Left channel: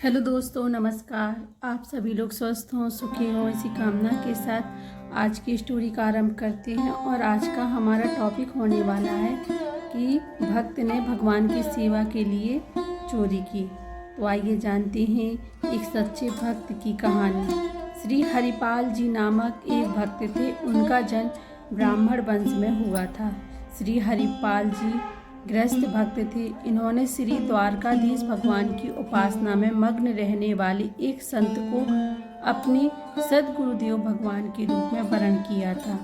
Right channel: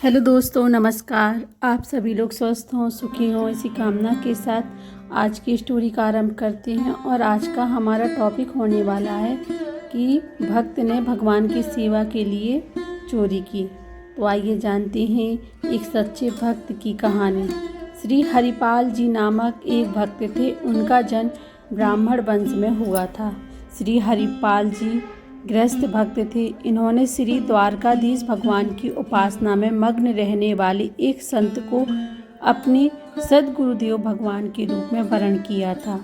Hello दोस्तों, नमस्कार। आप सभी लोग स्वस्थ हों, सुखी हों, इसी कामना के साथ आज की स्टोरी का आरंभ करते हैं। और आज का हमारा टॉपिक होने वाला है कि भक्त ने भगवान की सेवा के लिए चोरी की। तो आइए जानते हैं एक सच्चे भक्त की कहानी। श्री हरिपाल जी नामक एक भक्त थे। उनका जन्म ब्राह्मण वंश में हुआ था। श्री हरिपाल जी गृहस्थ भक्त थे। इन्होंने श्री द्वारकाधीश भगवान की उपासना में मग्न रहने वाले एक संत को अपने सद्गुरुदेव भगवान के रूप में वरण किया था।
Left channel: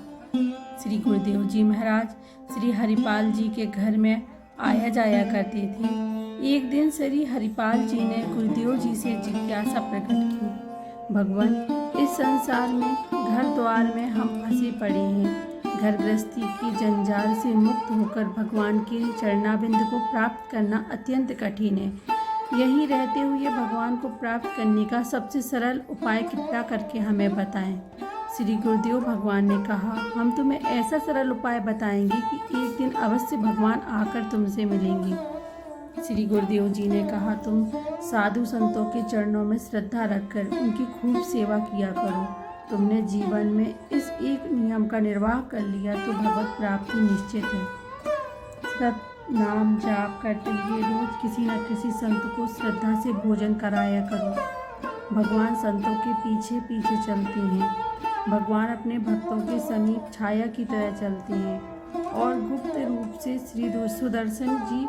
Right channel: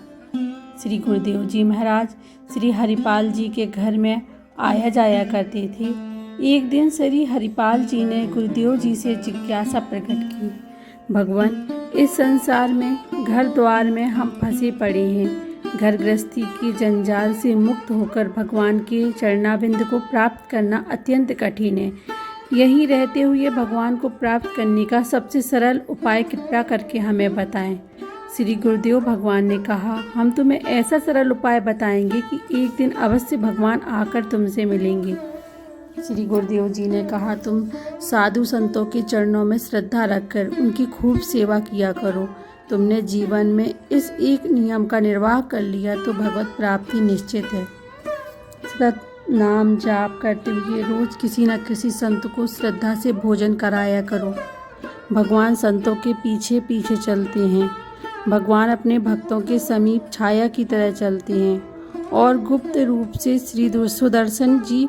श्री गुरुदेव जी महाराज श्री हरिपाल जी के घर में आया जाया करते थे। एक दिन श्री हरिपाल जी ने गुरुदेव जी से जिज्ञासा प्रकट की, भगवान, इस संसार में घर द्वार में हम फंसे पड़े हैं। घर गृहस्थी की जंजाल से मुक्त होकर भगवान के चरणाबिंद को प्राप्त करना अत्यंत कठिन है। यहीं रहते हुए भगवान को प्राप्त करने का सबसे सरल उपाय कृपया करके हमें बताएं। श्री गुरुदेव भगवान ने कहा, हम तुम्हें ऐसा सरल उपाय बताएंगे कि एक दिन अवश्य भगवान आकर तुमसे मिलेंगे। श्री गुरुदेव जी ने कहा, तुम साधु संतों के चरणों में श्रद्धा रखकर उनकी खूब सेवा किया करो। तुमने जीवन में इस एक नियम का निर्वाह कर लिया तो भगवत प्राप्ति निश्चित है। सत नाम जाप करते हुए रोज किसी न किसी संत को श्रद्धा से भोजन कराया करो। भगवान संतों के पीछे पीछे चलते हैं। भगवान अपने भक्तों के समीप छाया की तरह चलते हैं और गुप्त रूप से श्री सुदर्शन जी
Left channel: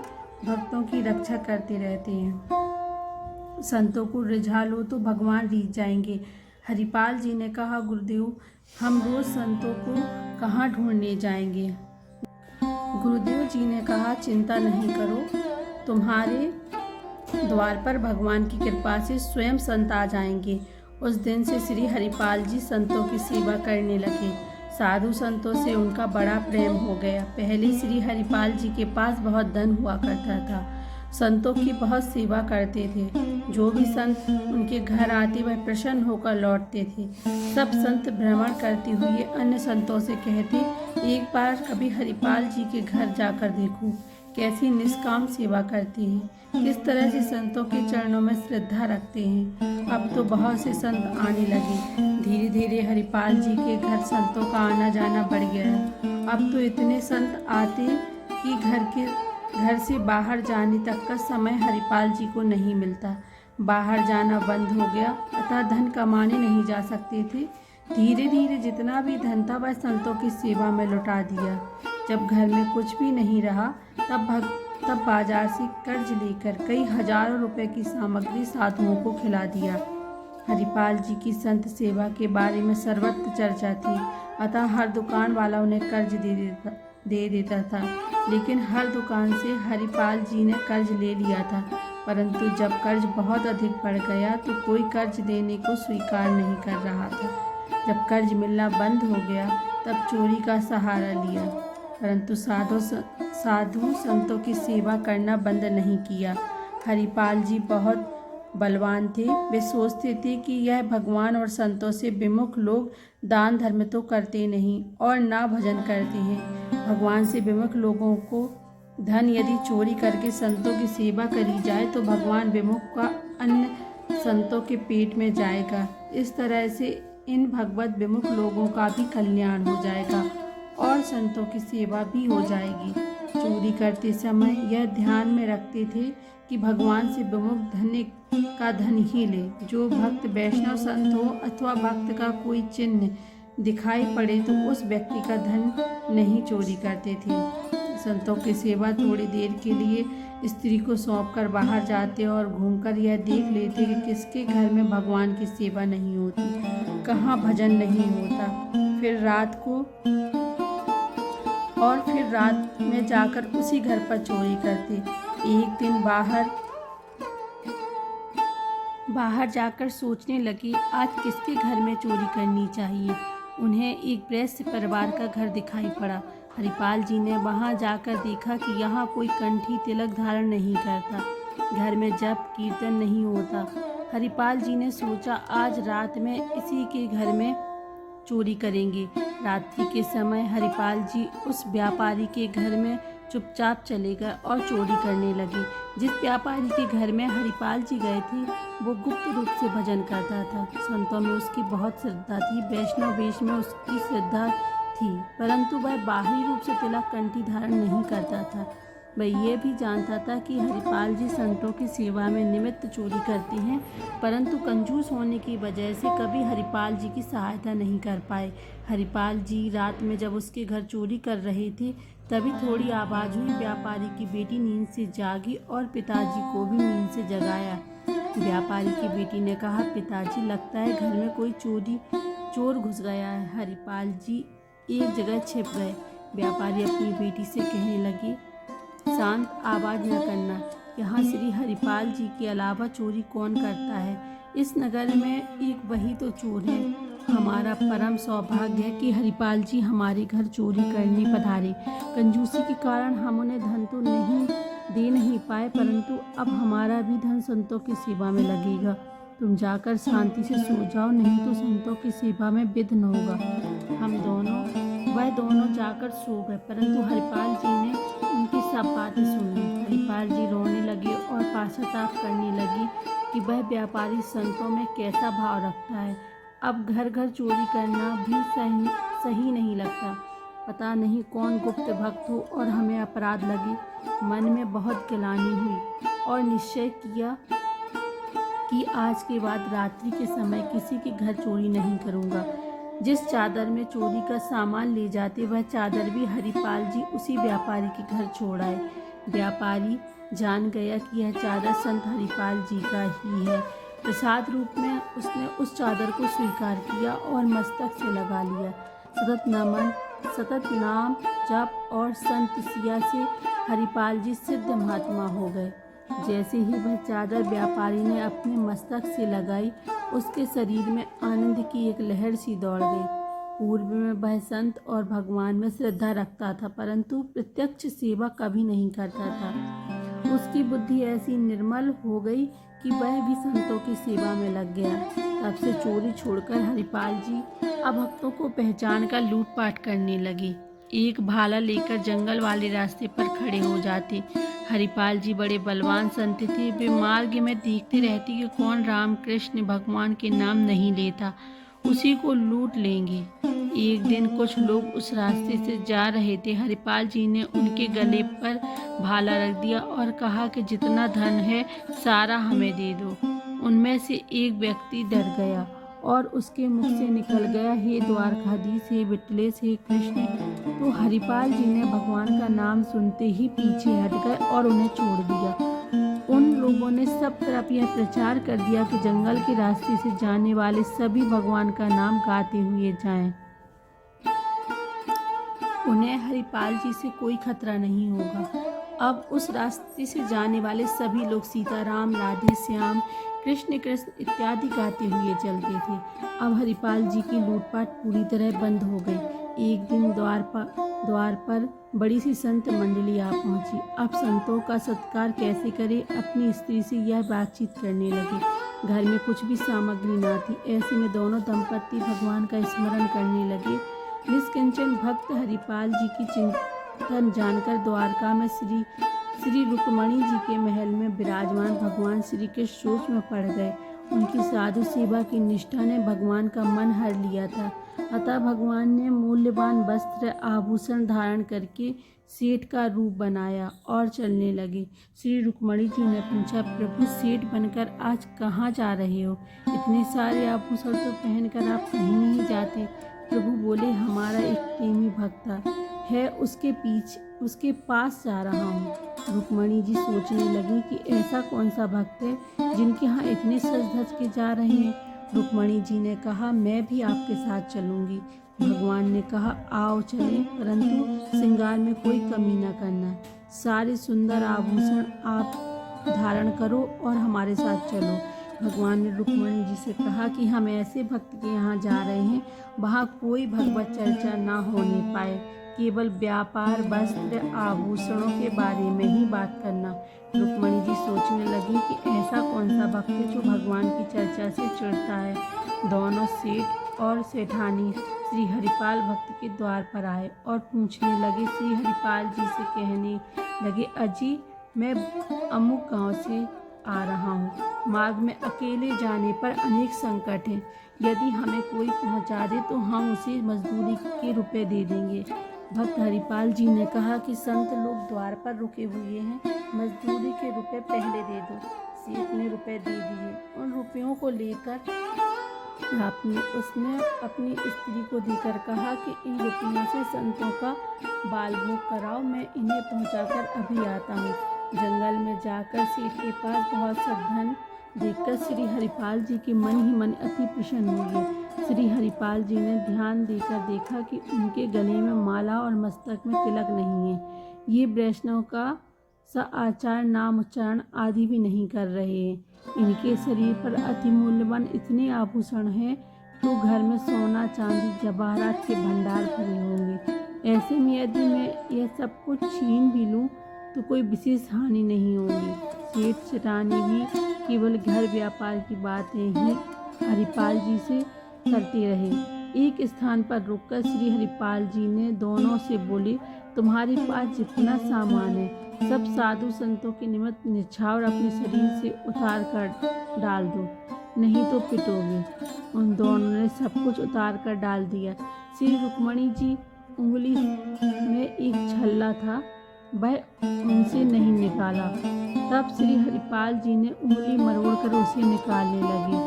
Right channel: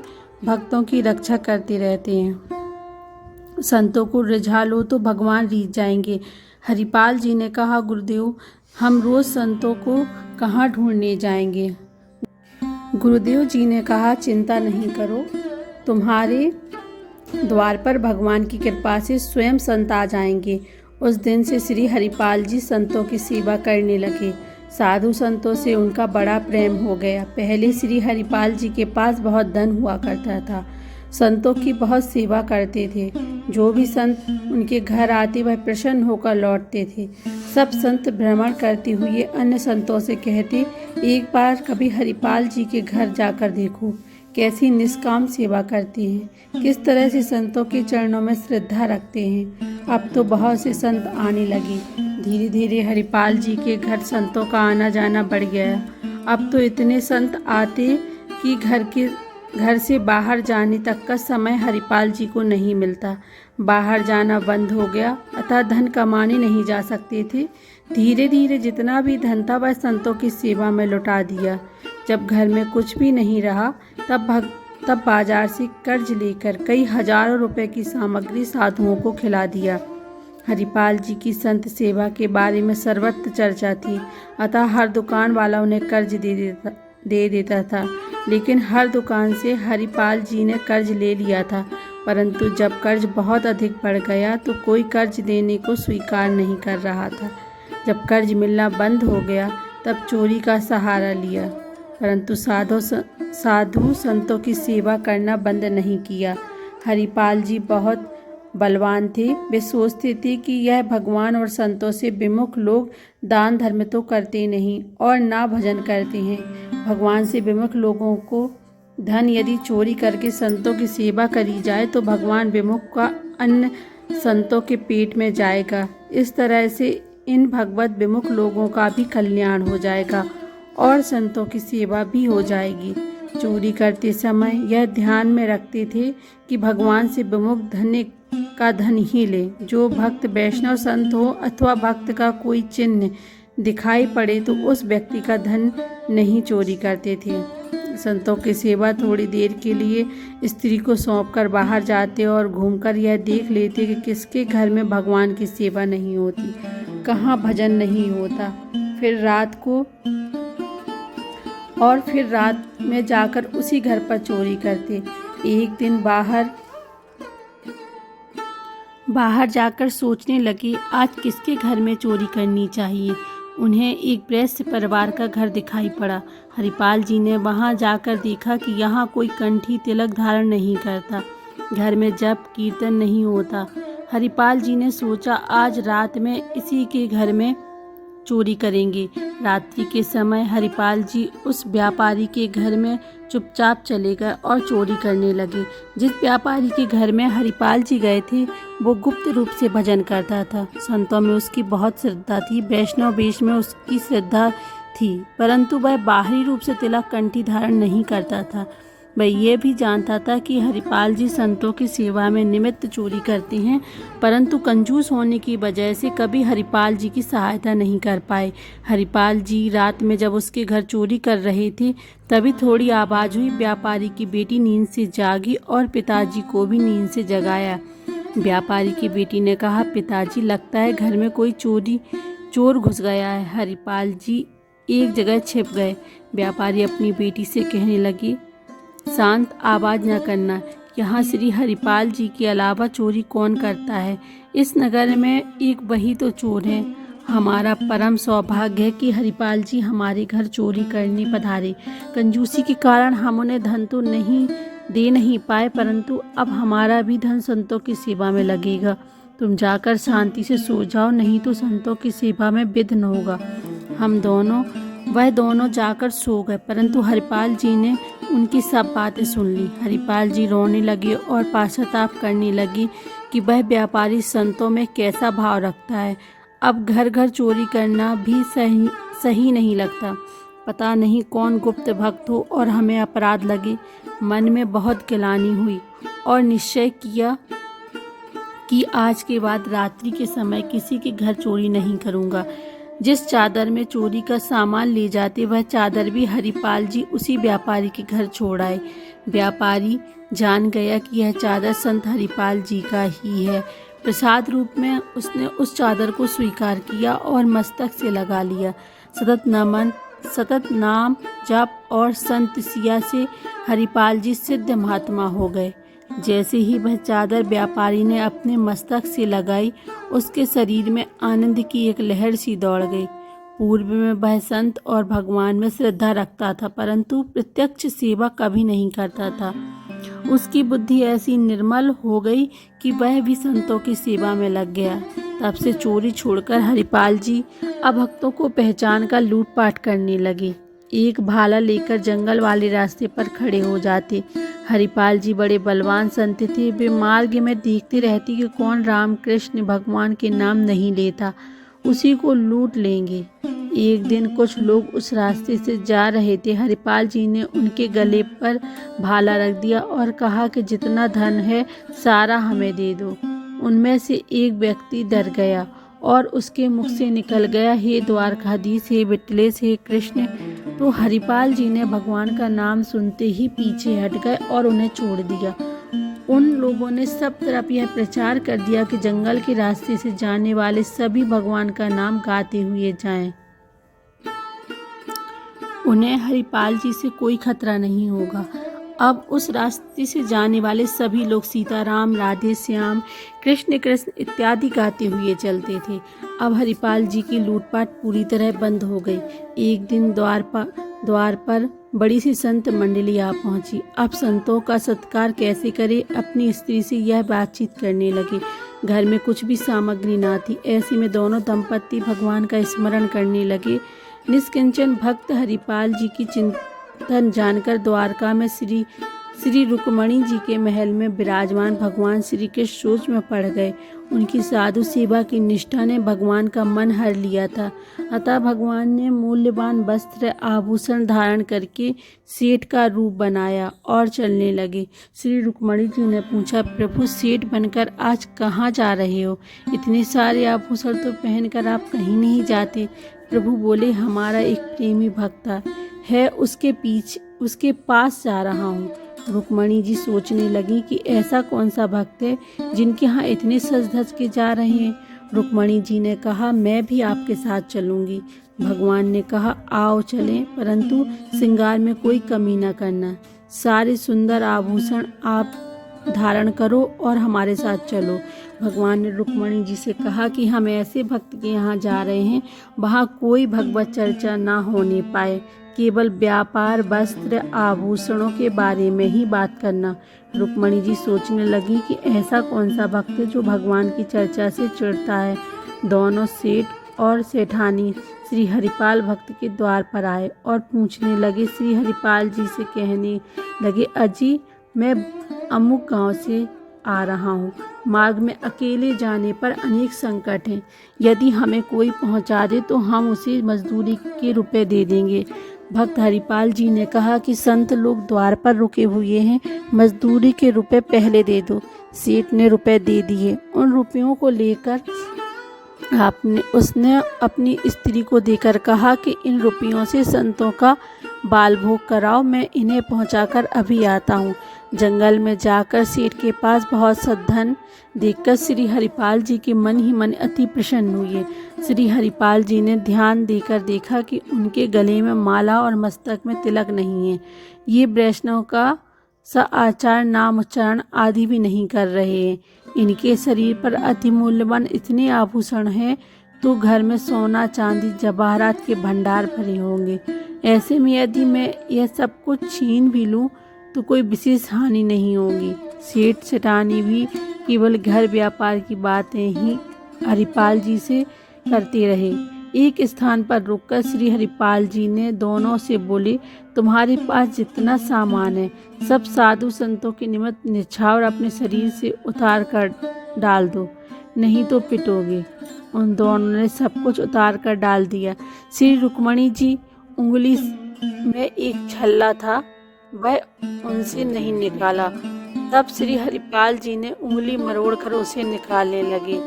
भक्तों की रक्षा करते रहते हैं। संतों को रिझा लो तो भगवान रीझ जाएंगे। हरिपाल जी ने कहा, गुरुदेव, हम रोज संतों को कहाँ ढूंढने जाएंगे। गुरुदेव जी ने कहा, चिंता नहीं करो, तुम्हारे द्वार पर भगवान की कृपा से स्वयं संत आ जाएंगे। उस दिन से श्री हरिपाल जी संतों की सेवा करने लगे। साधु संतों से उनका बड़ा प्रेम हो गया। पहले श्री हरिपाल जी के पास बहुत धन हुआ करता था। संतों की बहुत सेवा करते थे। जो भी संत उनके घर आते वह प्रसन्न होकर लौटते थे। सब संत भ्रमण करते हुए अन्य संतों से कहते, एक बार कभी हरिपाल जी के घर जाकर देखो, कैसी निष्काम सेवा करते हैं, किस तरह से संतों के चरणों में श्रद्धा रखते हैं। अब तो बहुत से संत आने लगे। धीरे धीरे हरिपाल जी के घर संतों का आना जाना बढ़ गया। अब तो इतने संत आते कि घर से बाहर जाने तक का समय हरिपाल जी को नहीं मिलता। बाहर जाना बंद हो गया, अतः धन कमाने नहीं जा सकते थे। धीरे धीरे जितना भी धन था वह संतों की सेवा में लुटा दिया। जब घर में कुछ भी नहीं रहा तब बाजार से कर्ज लेकर कई हजारों रुपए की सामग्री साधुओं को खिला दिया। हरिपाल जी की संत सेवा के बारे में सर्वत्र चर्चा थी, अतः हर दुकान वाला उन्हें कर्ज दे देता था। लेकिन हर दुकान से हरिपाल जी ने कर्ज ले लिया था, परंतु जब कर्ज बहुत अधिक बढ़ गया तो कोई कर्ज देने को स्वीकार नहीं कर रहा था। जब कर्ज मिलना बंद हो गया तब चोरी का सहारा लिया, परंतु साधु संतों की सेवा करना बंद नहीं किया। हरिपाल जी बहुत बलवान थे। वे सोचते थे कि यह भगवान और संतों से विमुख लोग दान धर्म तो करते नहीं और ना भजन करते हैं। भगवान से विमुख लोगों को धन यदि चोरी करके संतों की सेवा करी जाए तो भगवान विमुख का अन्न संतों के पेट में जाएगा। इस तरह से इन भगवत विमुख लोगों का भी कल्याण हो जाएगा और संतों की सेवा भी हो जाएगी। चोरी करते समय यह ध्यान में रखते थे कि भगवान से विमुख धन का धन ही ले। जो भक्त वैष्णव संत हो अथवा भक्त का कोई चिन्ह दिखाई पड़े तो उस व्यक्ति का धन नहीं चोरी करते थे। संतों की सेवा थोड़ी देर के लिए स्त्री को सौंपकर बाहर जाते और घूमकर यह देख लेते कि किसके घर में भगवान की सेवा नहीं होती, कहाँ भजन नहीं होता। फिर रात में जाकर उसी घर पर चोरी करते। एक दिन बाहर जाकर सोचने लगे, आज किसके घर में चोरी करनी चाहिए। उन्हें एक गृहस्थ परिवार का घर दिखाई पड़ा। हरिपाल जी ने वहां जाकर देखा कि यहाँ कोई कंठी तिलक धारण नहीं करता, घर में जप कीर्तन नहीं होता। हरिपाल जी ने सोचा, आज रात में इसी के घर में चोरी करेंगे। रात्रि के समय हरिपाल जी उस व्यापारी के घर में चुपचाप चले गए और चोरी करने लगे। जिस व्यापारी के घर में हरिपाल जी गए थे वो गुप्त रूप से भजन करता था। संतों में उसकी बहुत श्रद्धा थी, वैष्णव वेश में उसकी श्रद्धा थी, परंतु वह बाहरी रूप से तिलक कंठी धारण नहीं करता था। वह ये भी जानता था कि हरिपाल जी संतों की सेवा में निमित्त चोरी करते हैं, परंतु कंजूस होने की वजह से कभी हरिपाल जी की सहायता नहीं कर पाए। हरिपाल जी रात में जब उसके घर चोरी कर रहे थे तभी थोड़ी आवाज़ हुई। व्यापारी की बेटी नींद से जागी और पिताजी को भी नींद से जगाया। व्यापारी की बेटी ने कहा, पिताजी लगता है घर में कोई चोर घुस गया है। हरिपाल जी एक जगह छिप गए। व्यापारी अपनी बेटी से कहने लगी, शांत, आवाज़ न करना। यहाँ श्री हरिपाल जी के अलावा चोरी कौन करता है? इस नगर में एक वही तो चोर है। हमारा परम सौभाग्य है कि हरिपाल जी हमारे घर चोरी करने पधारे। कंजूसी के कारण हम उन्हें धन तो नहीं पाए, परंतु अब हमारा भी धन संतों की सेवा में लगेगा। तुम जाकर शांति से सो जाओ, नहीं तो संतों की सेवा में विघ्न होगा। वह दोनों जाकर सो गए, परंतु हरिपाल जी ने उनकी सब बातें सुन ली। हरिपाल जी रोने लगे और पश्चाताप करने लगी कि वह व्यापारी संतों में कैसा भाव रखता है। अब घर घर चोरी करना भी सही नहीं लगता। पता नहीं कौन गुप्त भक्त हो और हमें अपराध लगे। मन में बहुत गिलानी हुई और निश्चय किया कि आज के बाद रात्रि के समय किसी के घर चोरी नहीं करूँगा। जिस चादर में चोरी का सामान ले जाते वह चादर भी हरिपाल जी उसी व्यापारी के घर छोड़ आए। व्यापारी जान गया कि यह चादर संत हरिपाल जी का ही है। प्रसाद रूप में उसने उस चादर को स्वीकार किया और मस्तक से लगा लिया। सतत नाम जप और संत सिया से हरिपाल जी सिद्ध महात्मा हो गए। जैसे ही वह चादर व्यापारी ने अपने मस्तक से लगाई, उसके शरीर में आनंद की एक लहर सी दौड़ गई। पूर्व में वह संत और भगवान में श्रद्धा रखता था, परंतु प्रत्यक्ष सेवा कभी नहीं करता था। उसकी बुद्धि ऐसी निर्मल हो गई कि वह भी संतों की सेवा में लग गया। तब से चोरी छोड़कर हरिपाल जी अभक्तों को पहचान कर लूटपाट करने लगे। एक भाला लेकर जंगल वाले रास्ते पर खड़े हो जाते। हरिपाल जी बड़े बलवान संत थे। वे मार्ग में देखते रहते कि कौन राम कृष्ण भगवान के नाम नहीं लेता, उसी को लूट लेंगे। एक दिन कुछ लोग उस रास्ते से जा रहे थे। हरिपाल जी ने उनके गले पर भाला रख दिया और कहा कि जितना धन है सारा हमें दे दो। उनमें से एक व्यक्ति डर गया और उसके मुख से निकल गया, हे द्वारकाधीश, हे विठलेश, हे कृष्ण। तो हरिपाल जी ने भगवान का नाम सुनते ही पीछे हट गए और उन्हें छोड़ दिया। उन लोगों ने सब तरफ यह प्रचार कर दिया कि जंगल के रास्ते से जाने वाले सभी भगवान का नाम गाते हुए जाएं। उन्हें हरिपाल जी से कोई खतरा नहीं होगा। अब उस रास्ते से जाने वाले सभी लोग सीताराम, राधे श्याम, कृष्ण कृष्ण इत्यादि गाते हुए चलते थे। अब हरिपाल जी की लूटपाट पूरी तरह बंद हो गई। एक दिन द्वार पर बड़ी सी संत मंडली आ पहुंची। अब संतों का सत्कार कैसे करे, अपनी स्त्री से यह बातचीत करने लगे। घर में कुछ भी सामग्री ना थी। ऐसे में दोनों दंपत्ति भगवान का स्मरण करने लगे। निष्किंचन भक्त हरिपाल जी की चिंतन जानकर द्वारका में श्री रुक्मणी जी के महल में विराजमान भगवान श्री कृष्ण सोच में पड़ गए। उनकी साधु सेवा की निष्ठा ने भगवान का मन हर लिया था। अतः भगवान ने मूल्यवान वस्त्र आभूषण धारण करके सेठ का रूप बनाया और चलने लगे। श्री रुक्मणी जी ने पूछा, प्रभु सेठ बनकर आज कहाँ जा रहे हो? इतने सारे आभूषण तो पहनकर आप कहीं नहीं जाते। प्रभु बोले, हमारा एक प्रेमी भक्त है, उसके पास जा रहा हूँ। रुक्मणी जी सोचने लगी कि ऐसा कौन सा भक्त है जिनके यहाँ इतने सज धज के जा रहे हैं। रुक्मणी जी ने कहा, मैं भी आपके साथ चलूँगी। भगवान ने कहा, आओ चलें, परंतु श्रृंगार में कोई कमी न करना। सारे सुंदर आभूषण आप धारण करो और हमारे साथ चलो। भगवान ने रुक्मणी जी से कहा कि हम ऐसे भक्त के यहाँ जा रहे हैं, वहाँ कोई भगवत चर्चा ना होने पाए, केवल व्यापार, वस्त्र, आभूषणों के बारे में ही बात करना। रुक्मणी जी सोचने लगी कि ऐसा कौन सा भक्त है जो भगवान की चर्चा से चिढ़ता है। दोनों सेठ और सेठानी श्री हरिपाल भक्त के द्वार पर आए और पूछने लगे। श्री हरिपाल जी से कहने लगे, अजी मैं अमुक गांव से आ रहा हूँ। मार्ग में अकेले जाने पर अनेक संकट हैं। यदि हमें कोई पहुँचा दे तो हम उसे मजदूरी के रुपए दे देंगे। भक्त हरिपाल जी ने कहा कि संत लोग द्वार पर रुके हुए हैं, मजदूरी के रुपए पहले दे दो। सेठ ने रुपए दे दिए। उन रुपयों को लेकर उसने अपनी स्त्री को देकर कहा कि इन रुपयों से संतों का बाल भोग कराओ, मैं इन्हें पहुंचाकर अभी आता हूँ। जंगल में जाकर सेठ के पास बहुत सा धन देखकर श्री हरिपाल जी के मन ही मन अति प्रसन्न हुए। श्री हरिपाल जी ने ध्यान देकर देखा कि उनके गले में माला और मस्तक में तिलक नहीं है। ये वैष्णव का सा आचार, नाम उच्चारण आदि भी नहीं कर रहे हैं। इनके शरीर पर अति मूल्यवान इतने आभूषण हैं तो घर में सोना चांदी जवाहरात के भंडार भरे होंगे। ऐसे में यदि मैं यह सब कुछ छीन भी लूँ तो कोई विशेष हानि नहीं होगी। सेठ सेठानी भी केवल घर व्यापार की बातें ही हरिपाल जी से करते रहे। एक स्थान पर रुककर श्री हरिपाल जी ने दोनों से बोले, तुम्हारे पास जितना सामान है सब साधु संतों के निमित्त निछावर अपने शरीर से उतार कर डाल दो, नहीं तो पिटोगे। उन दोनों ने सब कुछ उतार कर डाल दिया। श्री रुक्मणी जी उंगली में एक छल्ला था, वह उनसे नहीं निकाला। तब श्री हरिपाल जी ने उंगली मरोड़ कर उसे निकालने लगे।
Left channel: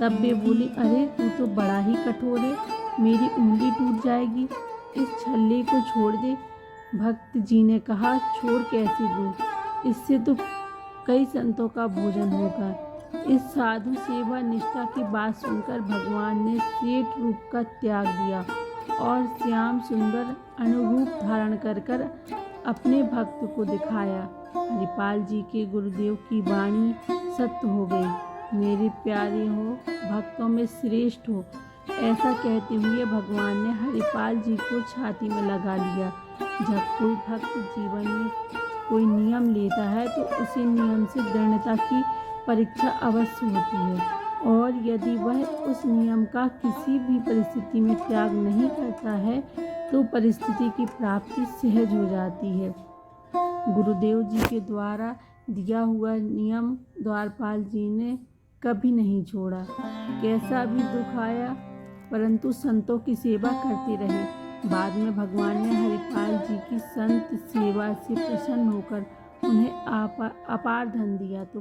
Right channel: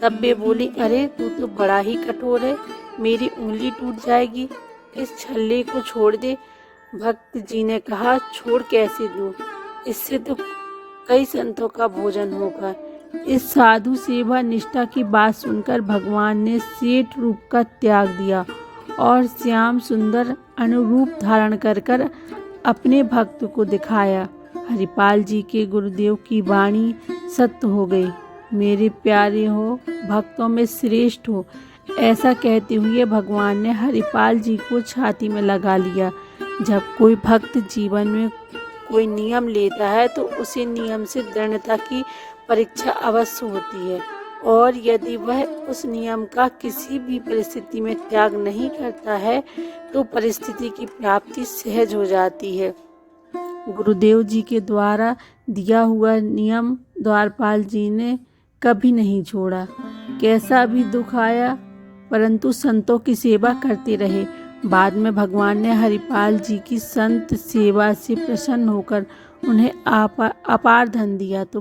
तब वे बोली, अरे तू तो बड़ा ही कठोर है, मेरी उंगली टूट जाएगी, इस छल्ले को छोड़ दे। भक्त जी ने कहा, छोड़ कैसे दूँ, इससे तो कई संतों का भोजन होगा। इस साधु सेवा निष्ठा की बात सुनकर भगवान ने सेठ रूप का त्याग दिया और श्याम सुंदर अनुरूप धारण कर अपने भक्त को दिखाया। हरिपाल जी के गुरुदेव की वाणी सत्य हो गई। मेरे प्यारे हो, भक्तों में श्रेष्ठ हो, ऐसा कहते हुए भगवान ने हरिपाल जी को छाती में लगा लिया। जब कोई भक्त जीवन में कोई नियम लेता है तो उसे नियम से दृढ़ता की परीक्षा अवश्य होती है, और यदि वह उस नियम का किसी भी परिस्थिति में त्याग नहीं करता है तो परिस्थिति की प्राप्ति सहज हो जाती है। गुरुदेव जी के द्वारा दिया हुआ नियम द्वारपाल जी ने कभी नहीं छोड़ा। कैसा भी दुख आया परंतु संतों की सेवा करते रहे। बाद में भगवान ने हरिपाल जी की संत सेवा से प्रसन्न होकर उन्हें अपार धन दिया तो